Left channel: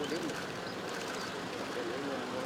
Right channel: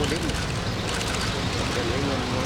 ko din. Galingan mo.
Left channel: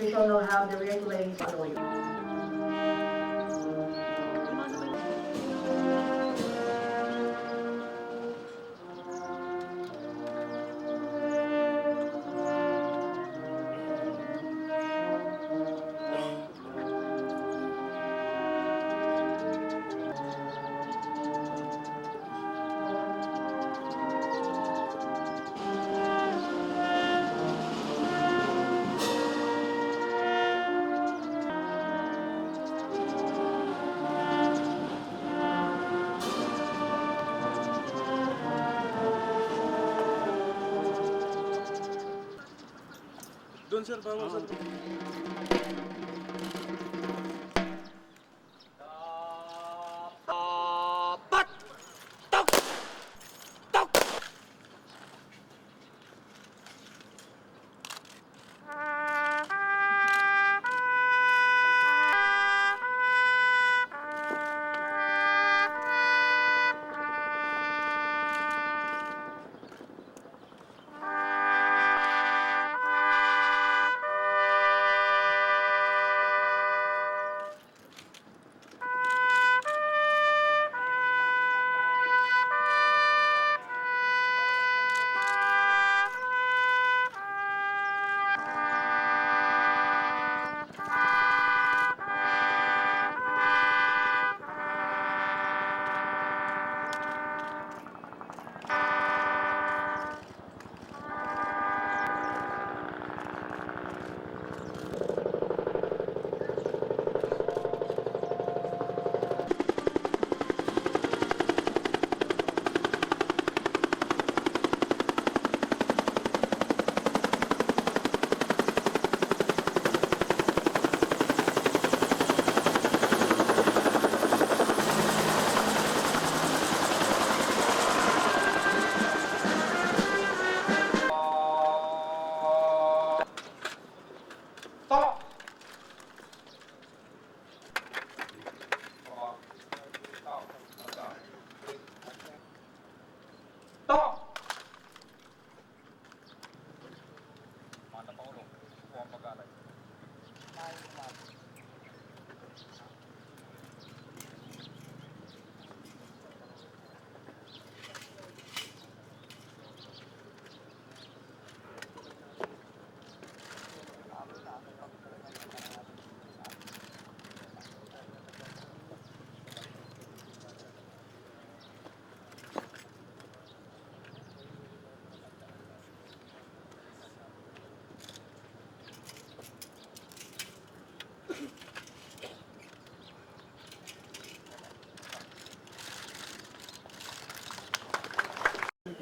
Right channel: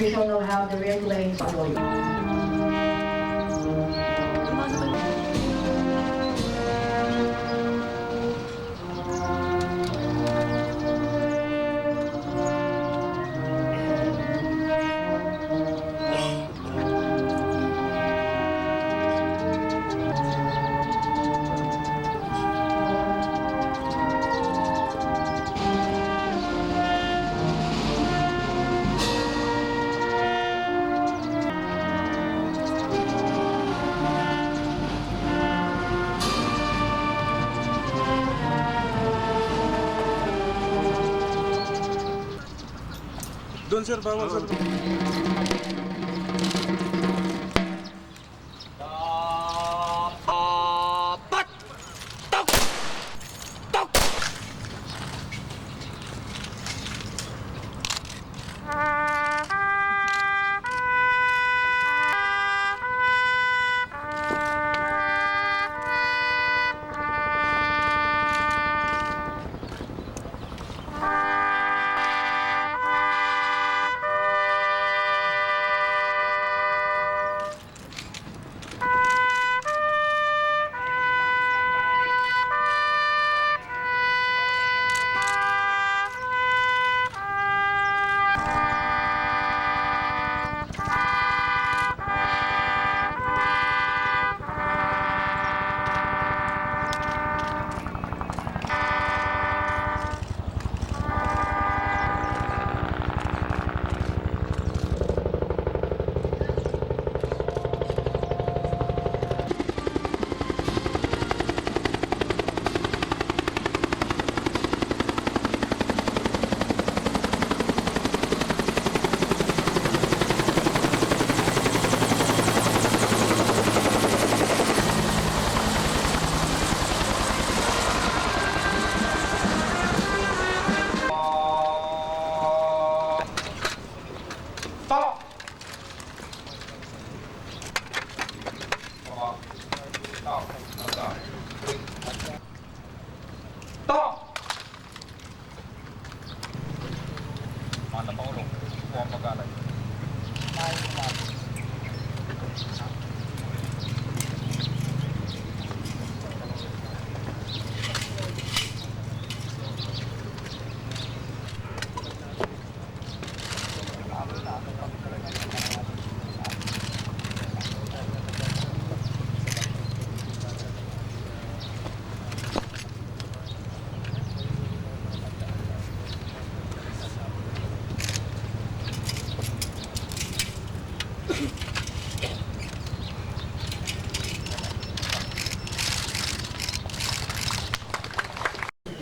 We don't know how the red lanes are going. Doon sir, bawal sir.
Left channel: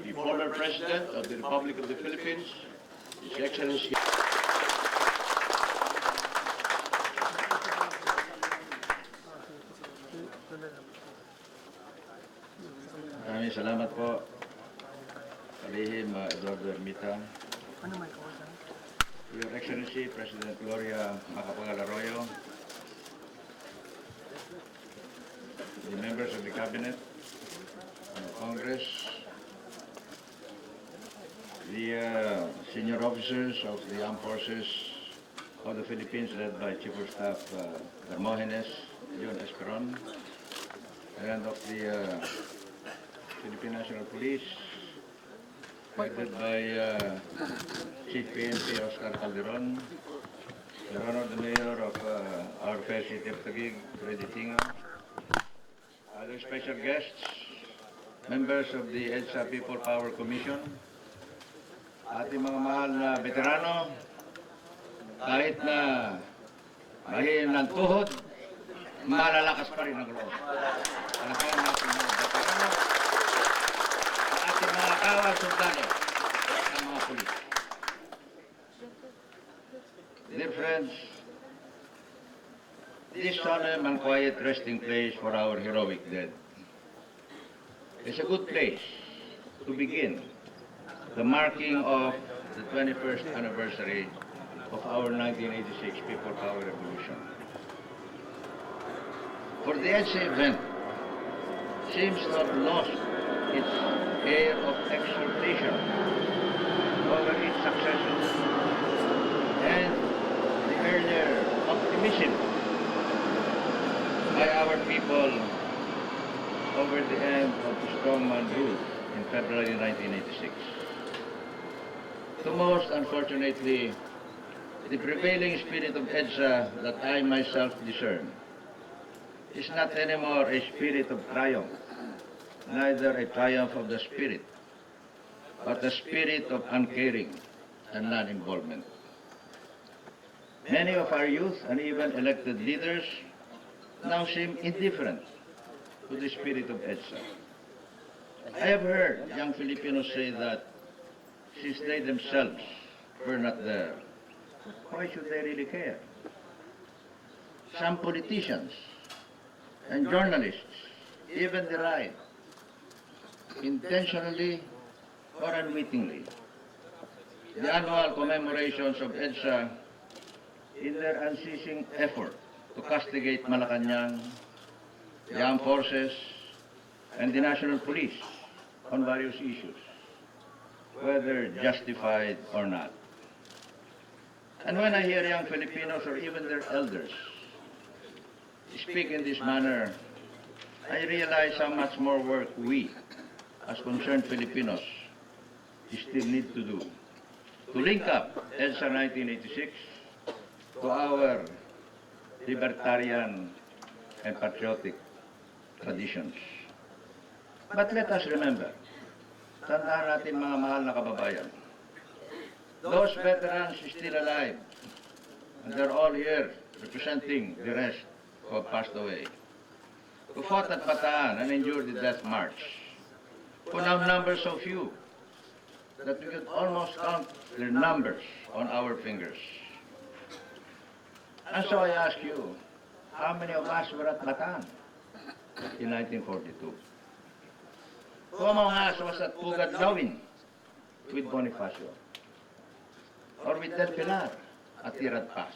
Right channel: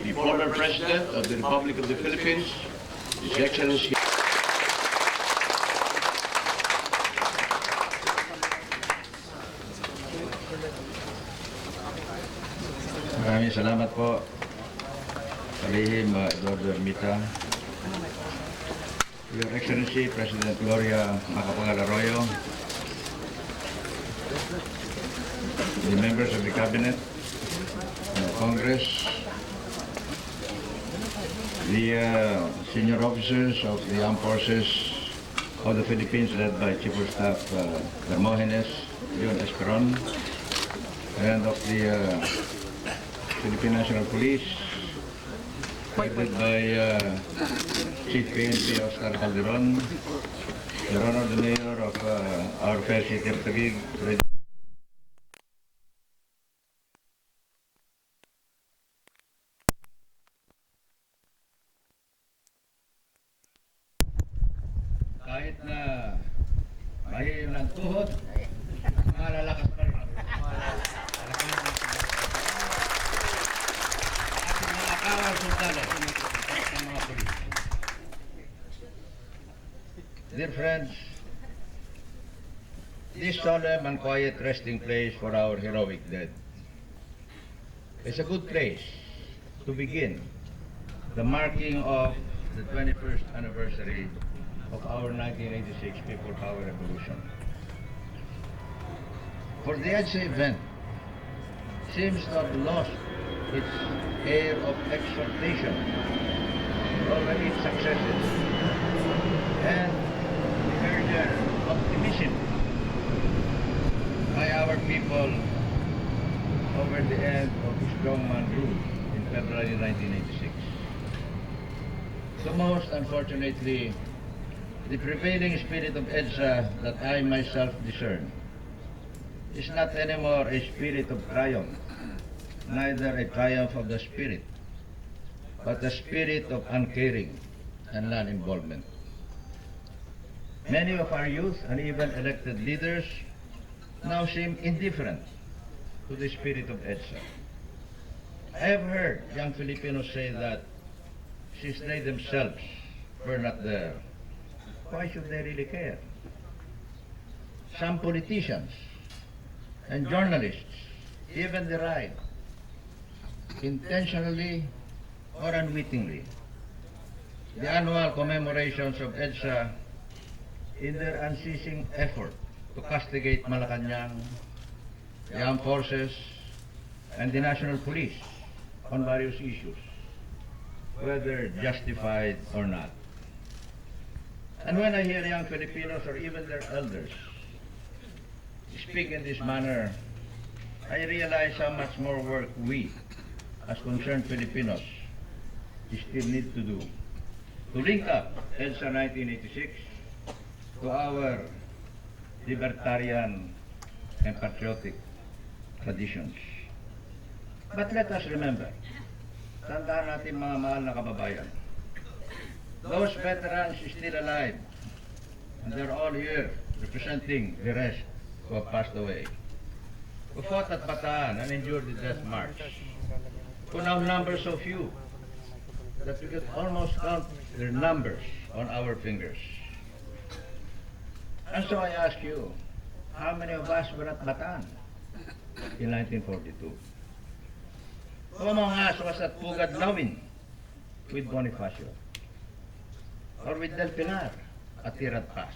The former President of the Republic of the Philippines, His Excellency. Maraming salamat po, Kalihim Eduardo Ermita. Your Excellency, President Gloria Macapagal-Arroyo, the members of the Cabinet, the Congress, the senior officers of the Armed Forces of the Philippines led by Chief of Staff Hermogenes Leon Esperon, and of the Philippine National Police, headed by Chief PNP Oscar Calderon, Your Honor, the Mayor of our fair city of Taguig, Freddy Tinga, other special guests, members of the EDSA People Power Commission, ating mga mahal na veterano, kahit na mahina ng tuhod, malalakas pa rin ang loob. Talagang natin mga kapit. Ating mga kawal sundalo. Dear friends, this solemn and quiet resting place for our heroic dead is a good place to begin the marking of the 21st anniversary of our 1986 People Power Revolution. For the EDSA event seems to have lost its air of exultation over its successes and the earlier optimism by our people over the end of the strongman rule in February 1986. So most unfortunately, the prevailing spirit of EDSA that I myself discern is not anymore a spirit of triumph, neither a triumph of the spirit, but a spirit of uncaring and non-involvement. Many of our youth and even elected leaders now seem indifferent to the spirit of EDSA. I have heard young Filipinos say that since they themselves were not there, Why should they really care? Some politicians and journalists even deride, intentionally or unwittingly, the annual commemorations of EDSA in their unceasing effort to castigate Malacanang, the armed forces, and the national police on various issues, whether justified or not. And when I hear young Filipinos or even their elders speak in this manner, I realize how much more work we, as concerned Filipinos, still need to do to link up EDSA 1986 to our libertarian and patriotic traditions. But let us remember, tandaan natin mga mahal na kababayan, those veterans still alive, and they're all here representing the rest who have passed away, who fought at Bataan and endured the death march, who now number so few that we can almost count their numbers on our fingers. And so I ask you, how many of us were at Bataan in 1942? Who among us was at Pugad Lawin with Bonifacio? Or with Del Pilar at Tirat Pass?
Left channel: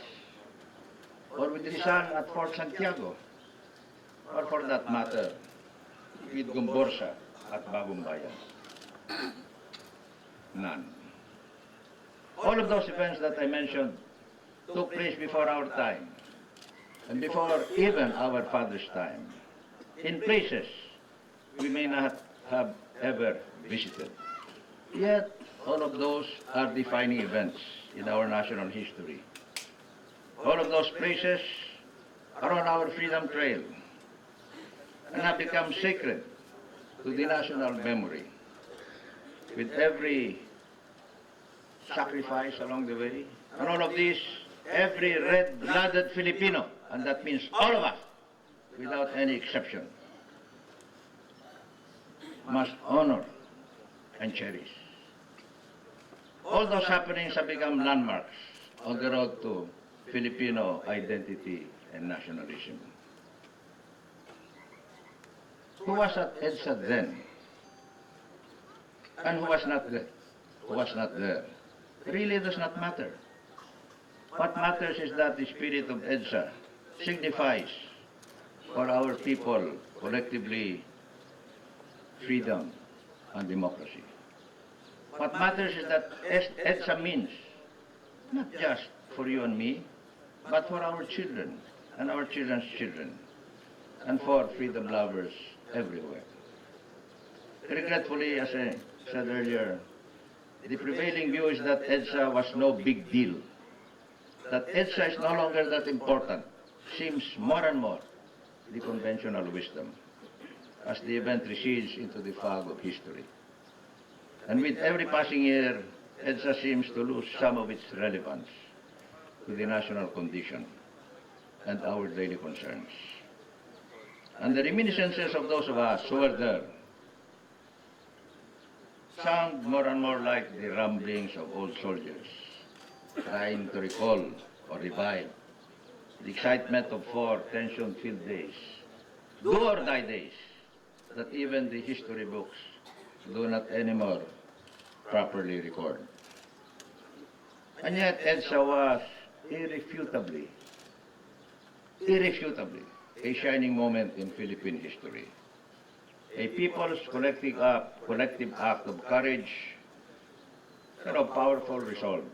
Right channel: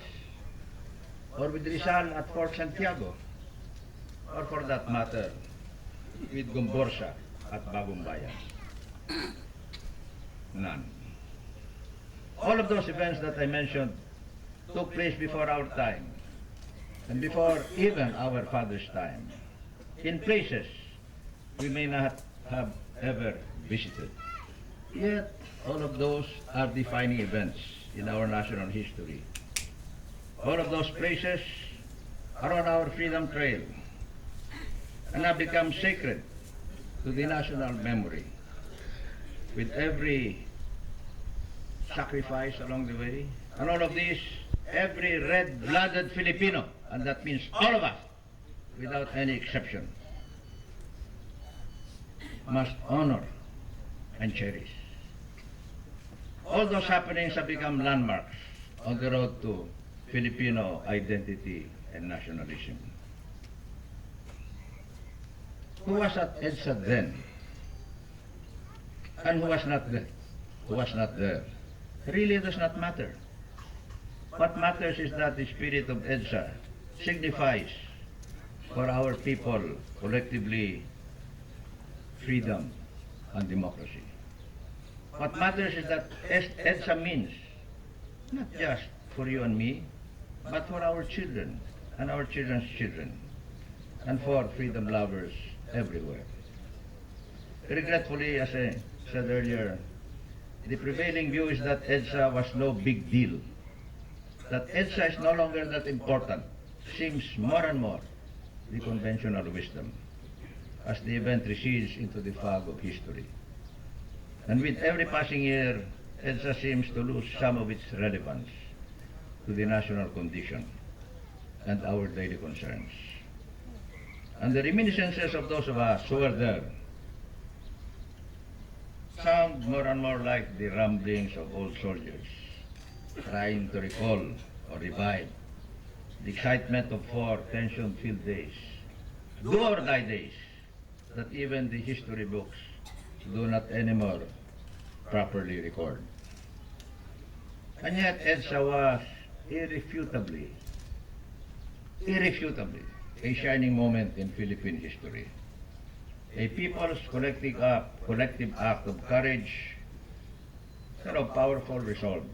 Or with Rizal at Fort Santiago? Or for that matter, with Gomborsa at Bagong Bayan? None. All of those events that I mentioned took place before our time, and before even our father's time, in places we may not have ever visited. Yet, all of those are defining events in our national history. All of those places are on our freedom trail and have become sacred to the national memory. With every sacrifice along the way, and all of this, every red-blooded Filipino, and that means all of us, without any exception, must honor and cherish. All those happenings have become landmarks on the road to Filipino identity and nationalism. Who was at EDSA then? And who was not there? Who was not there? Really does not matter. What matters is that the spirit of EDSA signifies for our people collectively freedom and democracy. What matters is that EDSA means not just for you and me, but for our children and our children's children, and for freedom lovers everywhere. Regretfully, as I said earlier, the prevailing view is that EDSA was no big deal, that EDSA is no longer that important, seems more and more the conventional wisdom as the event recedes into the fog of history. And with every passing year, EDSA seems to lose some of its relevance to the national condition and our daily concerns. And the reminiscences of those of us who were there sound more and more like the rumblings of old soldiers trying to recall or revive the excitement of 4 tension-filled days, do-or-die days, that even the history books do not anymore properly record. And yet EDSA was irrefutably a shining moment in Philippine history. A people's collective act of courage and of powerful resolve.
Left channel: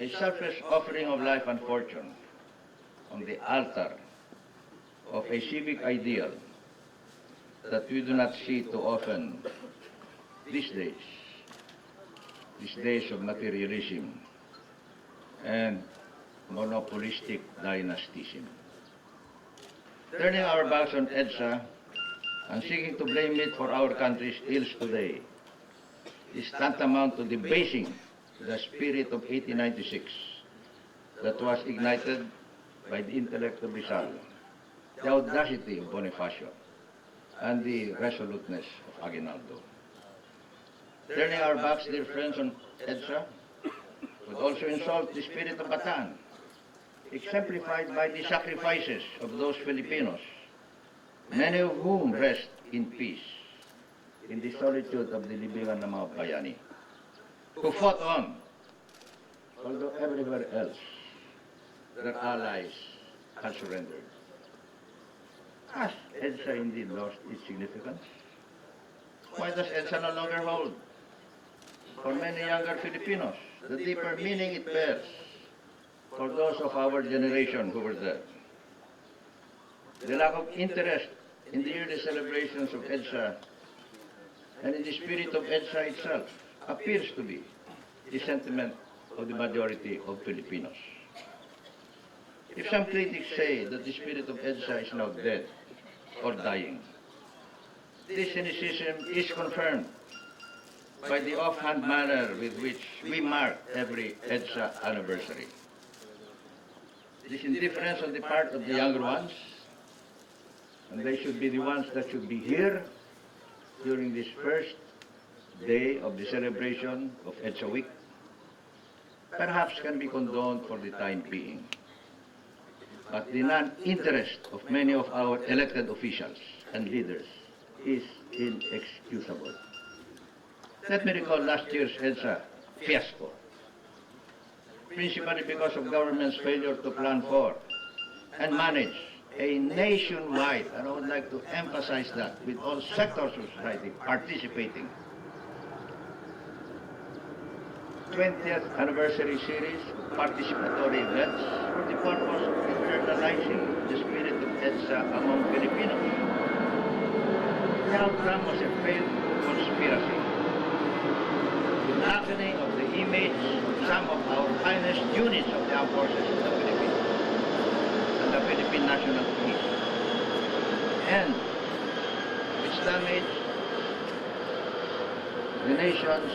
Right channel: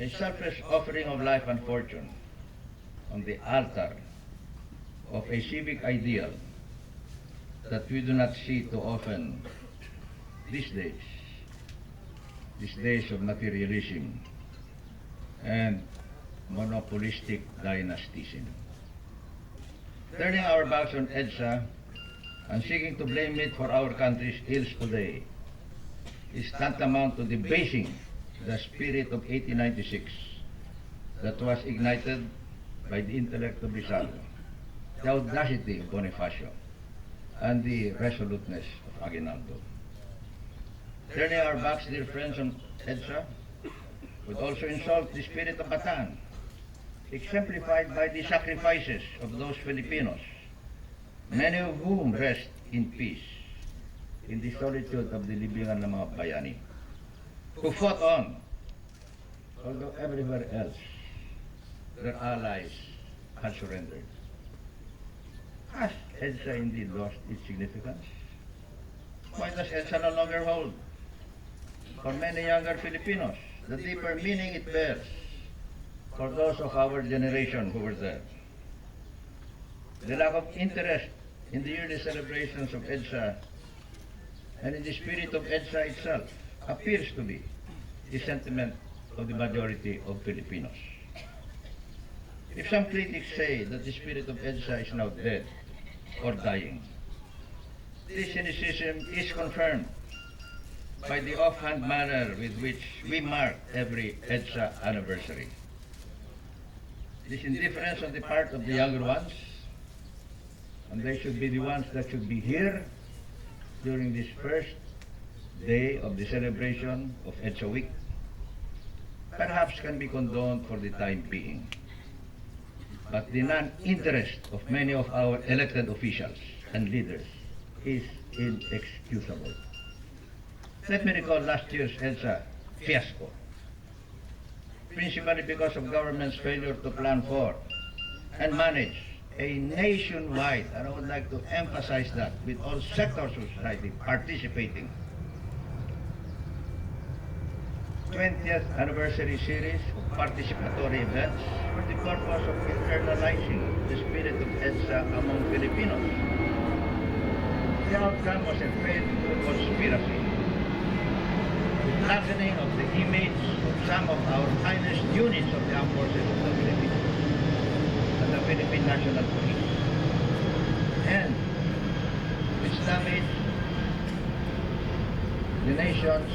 A selfless offering of life and fortune on the altar of a civic ideal that we do not see too often these days of materialism and monopolistic dynastism. Turning our backs on EDSA and seeking to blame it for our country's ills today is tantamount to debasing the spirit of 1896 that was ignited by the intellect of Rizal, the audacity of Bonifacio, and the resoluteness of Aguinaldo. Turning our backs, dear friends, on EDSA would also insult the spirit of Bataan, exemplified by the sacrifices of those Filipinos, many of whom rest in peace in the solitude of the libingan ng mga bayani, who fought on, although everywhere else their allies had surrendered. Has EDSA indeed lost its significance? Why does EDSA no longer hold, for many younger Filipinos, the deeper meaning it bears for those of our generation who were there? The lack of interest in the yearly celebrations of EDSA and in the spirit of EDSA itself appears to be the sentiment of the majority of Filipinos. If some critics say that the spirit of EDSA is now dead or dying, this cynicism is confirmed by the offhand manner with which we mark every EDSA anniversary. This indifference on the part of the younger ones, and they should be the ones that should be here during this first day of the celebration of EDSA Week, perhaps can be condoned for the time being. But the non-interest of many of our elected officials and leaders is inexcusable. Let me recall last year's EDSA fiasco, principally because of government's failure to plan for and manage a nationwide, and I would like to emphasize that, with all sectors of society participating, 20th anniversary series of participatory events for the purpose of internalizing the spirit of EDSA among Filipinos. The outcome was a failed conspiracy, the blackening of the image of some of our finest units of the armed forces of the Philippines and the Philippine National Police, and which damaged the nation's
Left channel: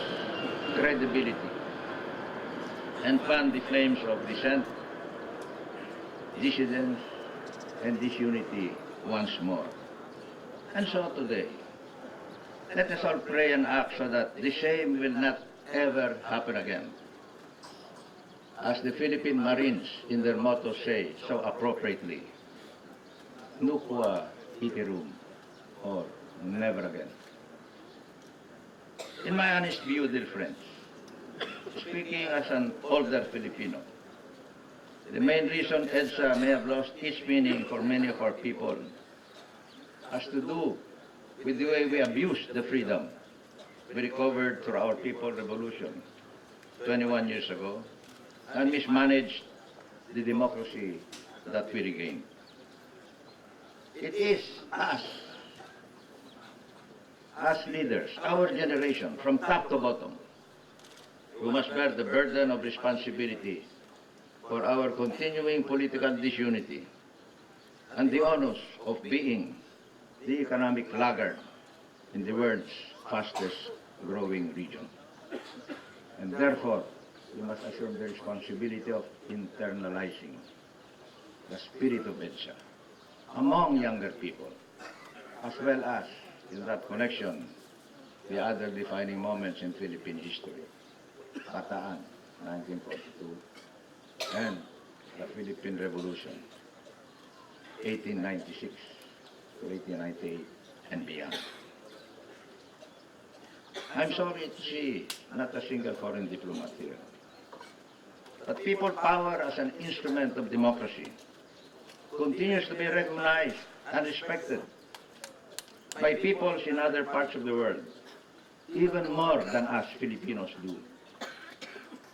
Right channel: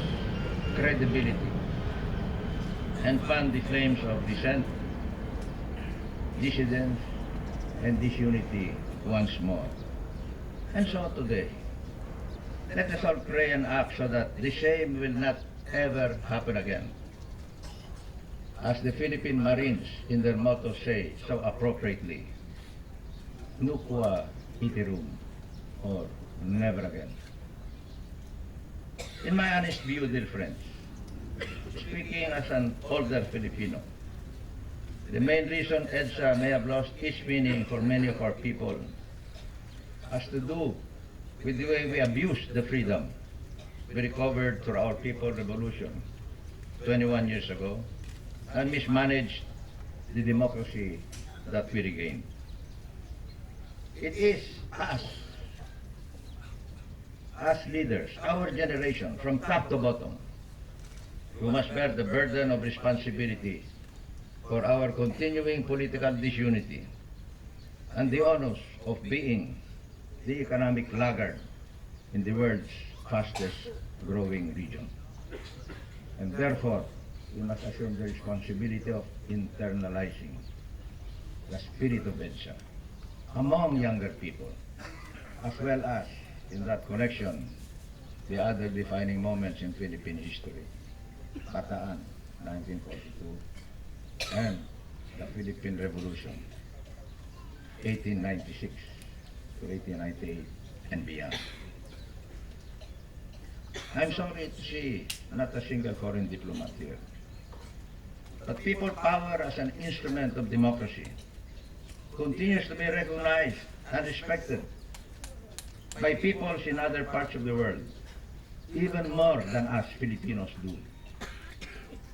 credibility and fanned the flames of dissent, dissidence, and disunity once more. And so today, let us all pray and act so that the same will not ever happen again. As the Philippine Marines in their motto say so appropriately, Nuqua iterum, or never again. In my honest view, dear friends, speaking as an older Filipino, the main reason EDSA may have lost its meaning for many of our people has to do with the way we abused the freedom we recovered through our People Revolution 21 years ago and mismanaged the democracy that we regained. It is us, as leaders, our generation, from top to bottom, who must bear the burden of responsibility for our continuing political disunity and the onus of being the economic laggard in the world's fastest growing region. And therefore, we must assume the responsibility of internalizing the spirit of EDSA among younger people, as well as, in that connection, the other defining moments in Philippine history. Bataan, 1942, and the Philippine Revolution, 1896 to 1898 and beyond. I'm sorry to see not a single foreign diplomat here. But people power as an instrument of democracy continues to be recognized and respected by peoples in other parts of the world, even more than us Filipinos do.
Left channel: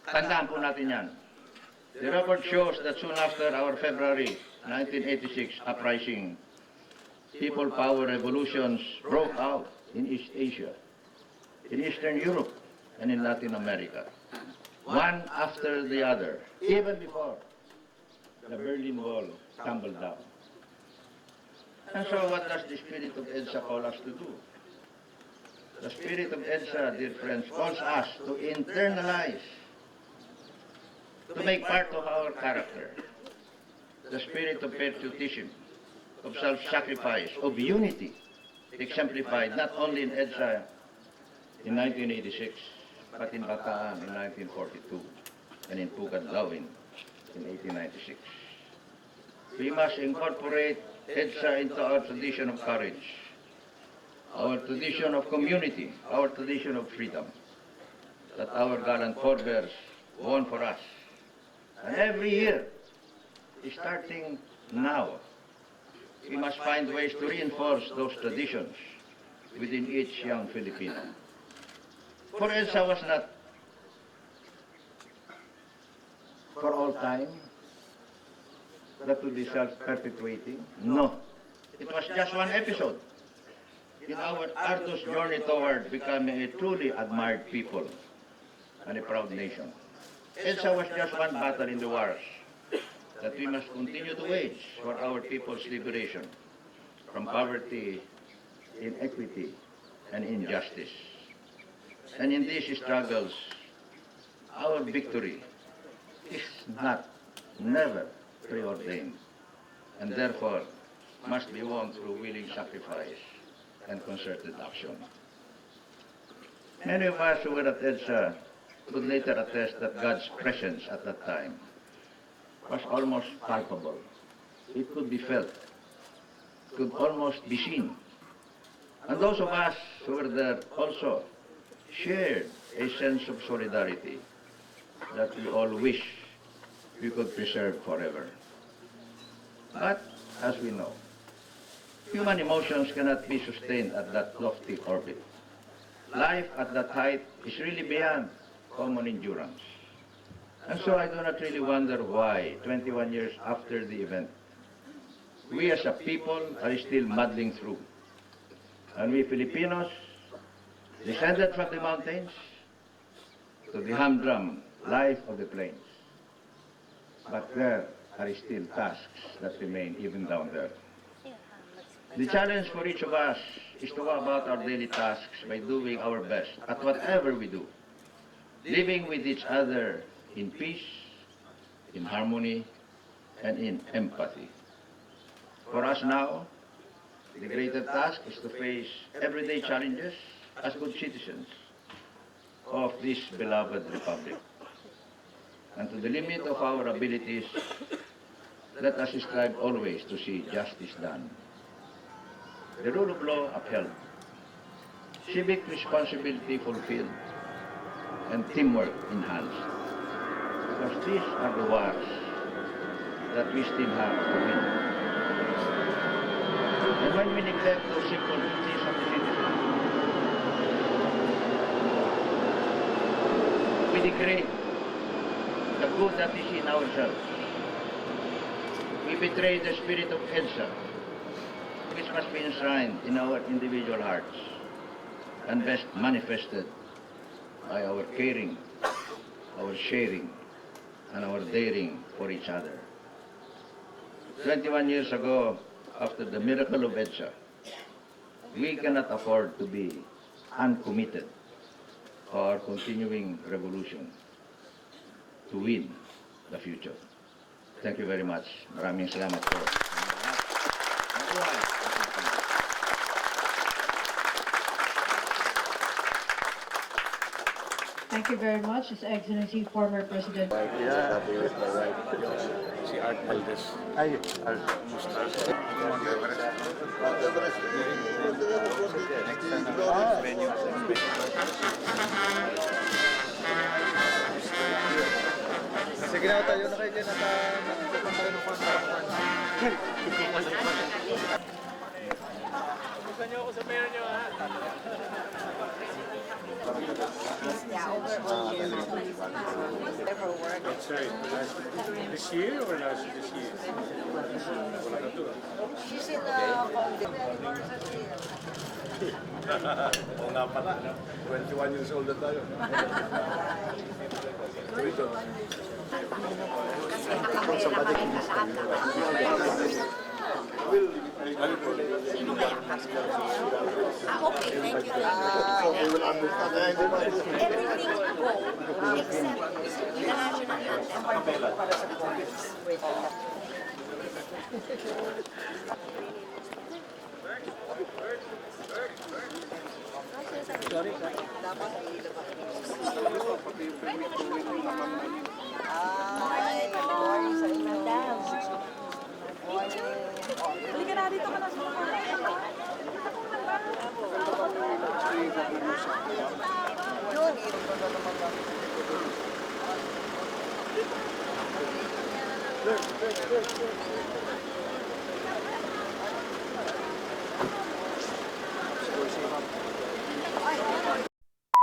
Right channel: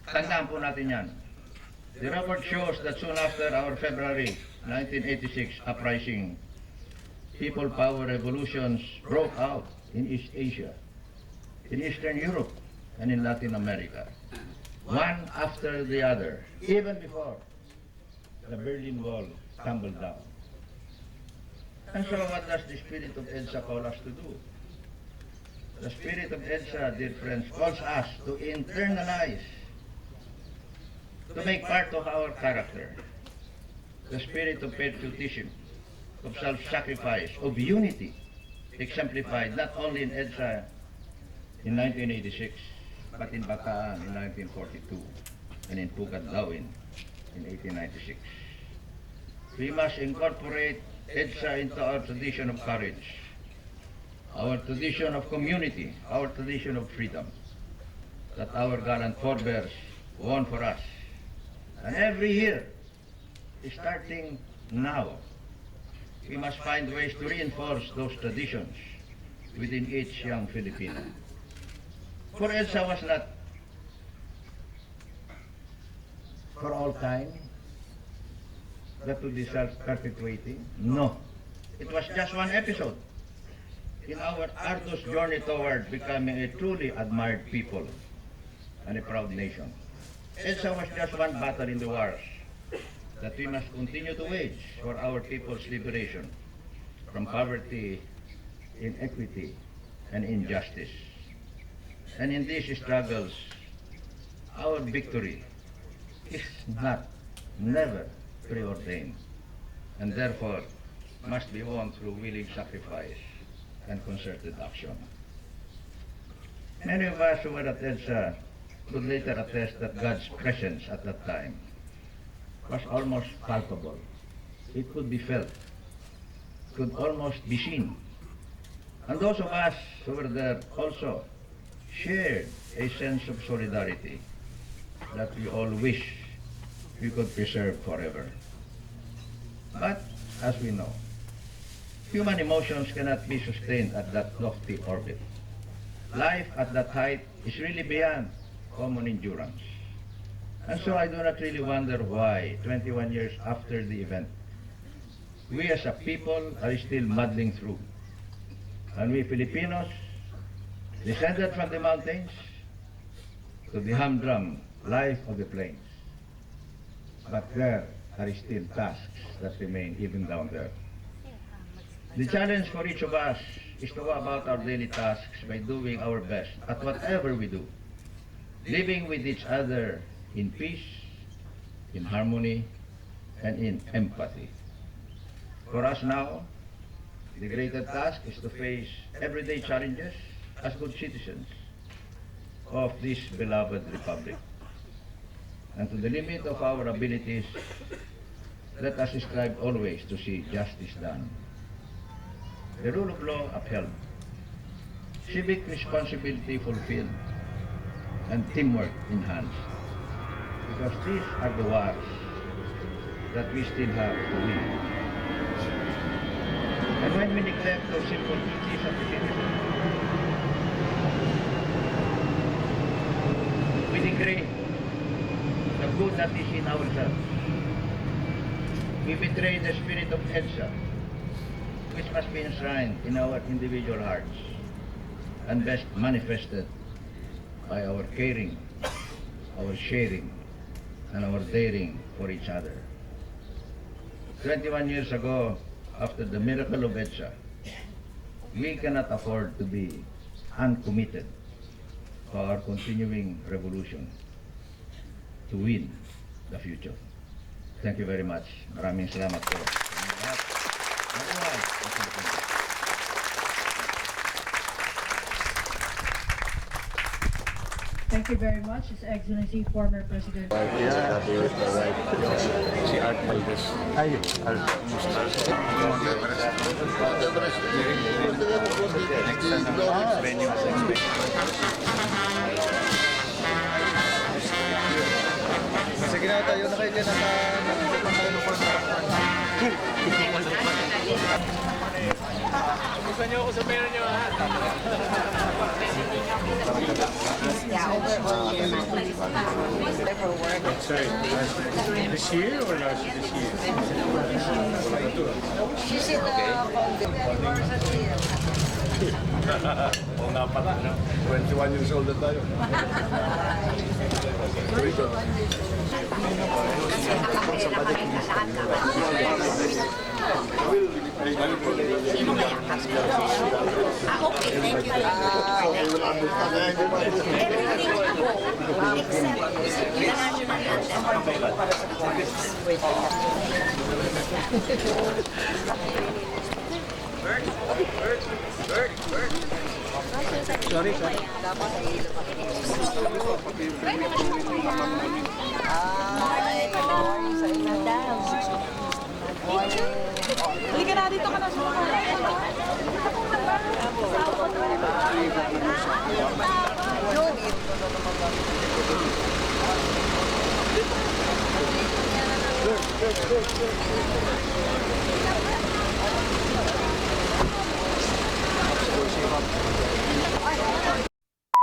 Tandaan po natin yan. The record shows that soon after our February 1986 uprising, people power revolutions broke out in East Asia, in Eastern Europe, and in Latin America, one after the other, even before the Berlin Wall tumbled down. And so what does the spirit of EDSA call us to do? The spirit of EDSA, dear friends, calls us to internalize, to make part of our character, the spirit of patriotism, of self-sacrifice, of unity, exemplified not only in EDSA in 1986, but in Bataan in 1942, and in Pukat-Lawin in 1896. We must incorporate EDSA into our tradition of courage, our tradition of community, our tradition of freedom that our gallant forebears won for us. And every year, starting now, we must find ways to reinforce those traditions within each young Filipino. For EDSA was not for all time, that to be self-perpetuating. No. It was just one episode in our arduous journey toward becoming a truly admired people and a proud nation. EDSA was just one battle in the wars that we must continue to wage for our people's liberation from poverty, inequity, and injustice. And in these struggles, our victory is never preordained, and therefore must be won through willing sacrifice and concerted action. Many of us who were at EDSA would later attest that God's presence at that time was almost palpable. It could be felt, could almost be seen. And those of us who were there also shared a sense of solidarity that we all wish we could preserve forever. But, as we know, human emotions cannot be sustained at that lofty orbit. Life at that height is really beyond common endurance. And so I do not really wonder why, 21 years after the event, we as a people are still muddling through. And we Filipinos, descended from the mountains to the humdrum life of the plains. But there are still tasks that remain even down there. The challenge for each of us is to go about our daily tasks by doing our best at whatever we do, living with each other in peace, in harmony, and in empathy. For us now, the greater task is to face everyday challenges as good citizens of this beloved republic. And to the limit of our abilities, let us strive always to see justice done, the rule of law upheld, civic responsibility fulfilled, and teamwork enhanced. Because these are the wars that we still have to win. And when we neglect those simple duties of citizens, we degrade the good that is in ourselves. We betray the spirit of EDSA, which must be enshrined in our individual hearts and best manifested by our caring, our sharing, and our daring for each other. 21 years ago, after the miracle of EDSA, we cannot afford to be uncommitted to our continuing revolution to win the future. Thank you very much. Maraming salamat po. Thank you very much, His Excellency, former President. Yeah, si Art Valdez. Ay, Art. Next venue. Sige na tayo na kayo dyan Gusto niyo ako sa meron niyo, ha? Yeah, overall, never work. Sorry, this year or last year? This year? She's in the university. Oo nga pala, no? 21 years old na tayo. Sa balik Sino kaya? Okay, thank you. Everything ako, except international Sorry, Dapat ay Morning. Morning sa inyo. Madam. Halika na, dito ka na sa mga. Yun.